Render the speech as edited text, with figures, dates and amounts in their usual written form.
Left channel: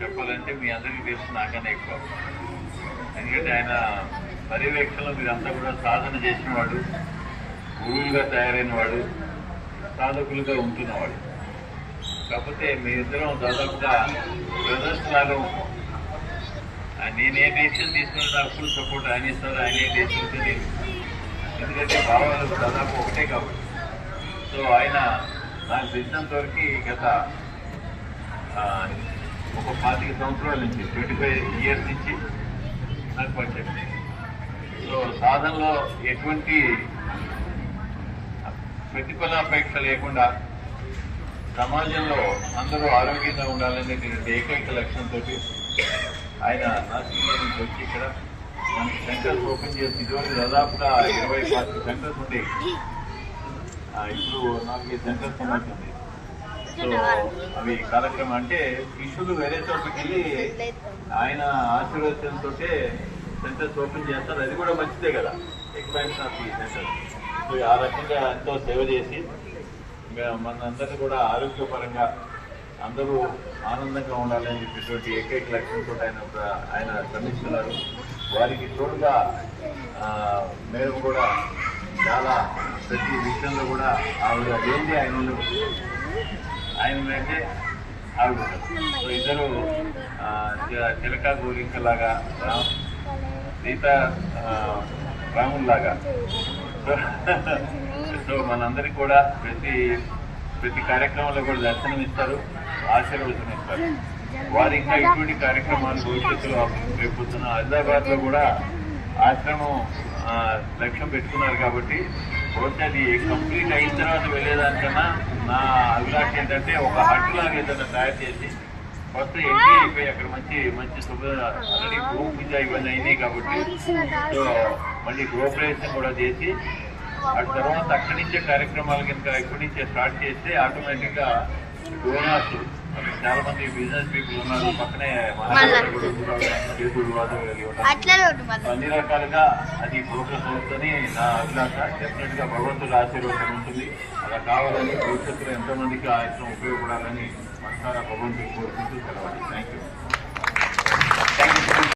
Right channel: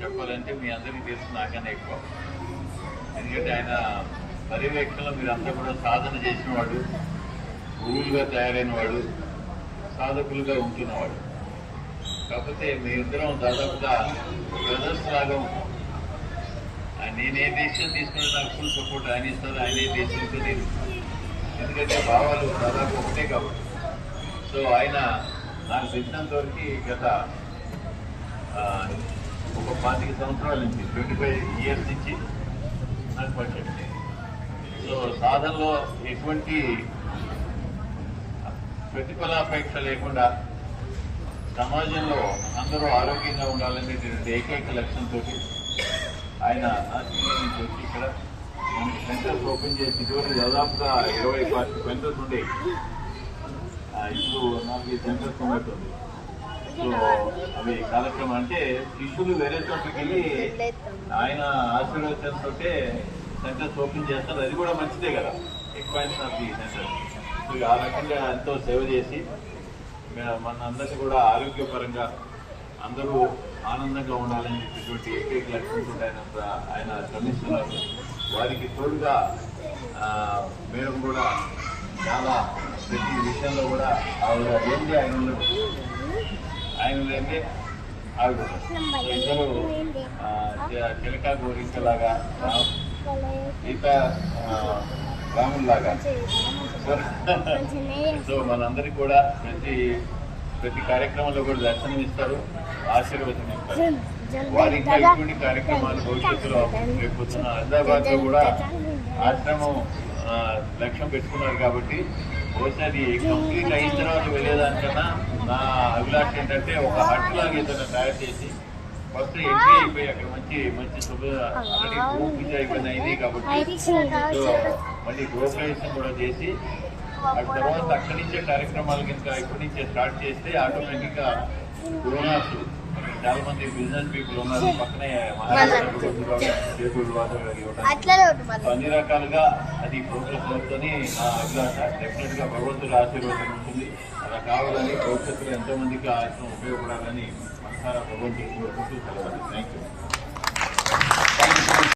చెప్పాలంటే మీ అందరికీ తెలుసు నాకన్నా ఎక్కువ. ఎందుకంటే ఆయన పర్యవేక్షణలో మీరంతా కూడా సాధన చేసిన వాడు, గురువులుగా తయారైన వాడు, సాధకులుగా ఉంటున్నవాడు. కాకపోతే మీరిద్దరం దాదాపుగా బ్రదర్స్ లాగా ఉంటాం. నేను ఏ డెసిషన్ తీసుకుని నాకు ఫుల్ సపోర్ట్ ఆయన ఇస్తారు, ఆయన ఏ డెసిషన్ నేను. ఎందుకంటే భావాలు దాదాపు ఒకటే కాబట్టి. సో ఆయన నాకు తెలిసినంత వరకు గత ఒక 25 సంవత్సరాల నుంచి 25 years నుంచి నాకు పరిచయం. సో సాధనలో ఎటువంటి ప్రతిఫలాపేక్ష లేకుండా సమాజంలో అందరూ ఆరోగ్యంగా ఉండాలనే ఏకైక లక్ష్యంతో ఆయన నాసిక్ నుంచి వచ్చి ఇక్కడ మనకి సెంటర్స్ ఓపెన్ చేసి ఇదివరకు దాదాపుగా 20-25 సెంటర్స్ ఉండేవి. ఇప్పుడు 4 సెంటర్స్ ఉన్నట్టుంది. సో అవి కార్యక్రమం అంటే శిష్యులు వేరే చోట్లకి వెళ్ళి ఆయన ఆశీర్వచనంతో సెంటర్స్ ఓపెన్ చేస్తారు. అది కూడా మంచిదే కదా, expansion of the centre. So ఆ రకంగా ఎంతో సేవ చేసి మనందరినీ కూడా ఆరోగ్యపరంగా అందరూ ఆనందంగా ఉండాలని చెప్పేటువంటి ఏకైక లక్ష్యంతో ఆయన శ్రమిస్తున్నారు. వారికి తోడుగా మేము కూడా చాలా ప్రతి విషయంలో కూడా ఆవిడ ఏంటి ఆయన అంటే ఆవిడ ఇద్దరు చిలక గోరింకలాగా సీతా రాముల్లాగా. సో మనందరికీ కూడా ప్రతి కార్యక్రమంలో కూడా దర్శనం ఇస్తారు, ఆశీర్వచనం ఇస్తారు. వారి ఇంకా ఇటువంటి కార్యక్రమాలు భవిష్యత్తులో రేపొద్దున హైదరాబాద్ లో కూడా ఆశ్రమం లక్ష్యం పెట్టుకున్నారు. కాబట్టి బహుశా అది కంప్లీట్ అయిన తర్వాత వెళ్ళేదానికన్నా నా అభిలాష ఏంటంటే ఒక హట్ లాగా ఏదైనా తయారు చేసి ఫస్ట్ ఎంట్రీ అయిపోయి అక్కడ మంచి ఆల్రెడీ గ్రూప్ పూజ ఇవన్నీ అయినాయి కాబట్టి సో మళ్ళీ గృహప్రవేశం కూడా చేసి ఆ తర్వాత అక్కడి నుంచే కార్యక్రమాలు కనుక ఇప్పటి నుంచే స్టార్ట్ చేస్తే ఆటోమేటిక్ గా డోనార్స్ చాలా మంది బిజినెస్ పీపుల్ ఉన్నారు పక్కనే అన్ని రకాలుగా అది ప్రోగ్రెస్ అవుతుందని నా అభిలాష. డెఫినెట్ గా భగవంతుడి ఆశీర్వాదం ఉంటుంది. అలా కావాలని భవిష్యత్తులో ఎంతో మందికి ఆశ్రమం ఉపయోగపడాలని మనసారా భగవంతుడికి కోరుకుంటూ సెలవాలి. Thank you.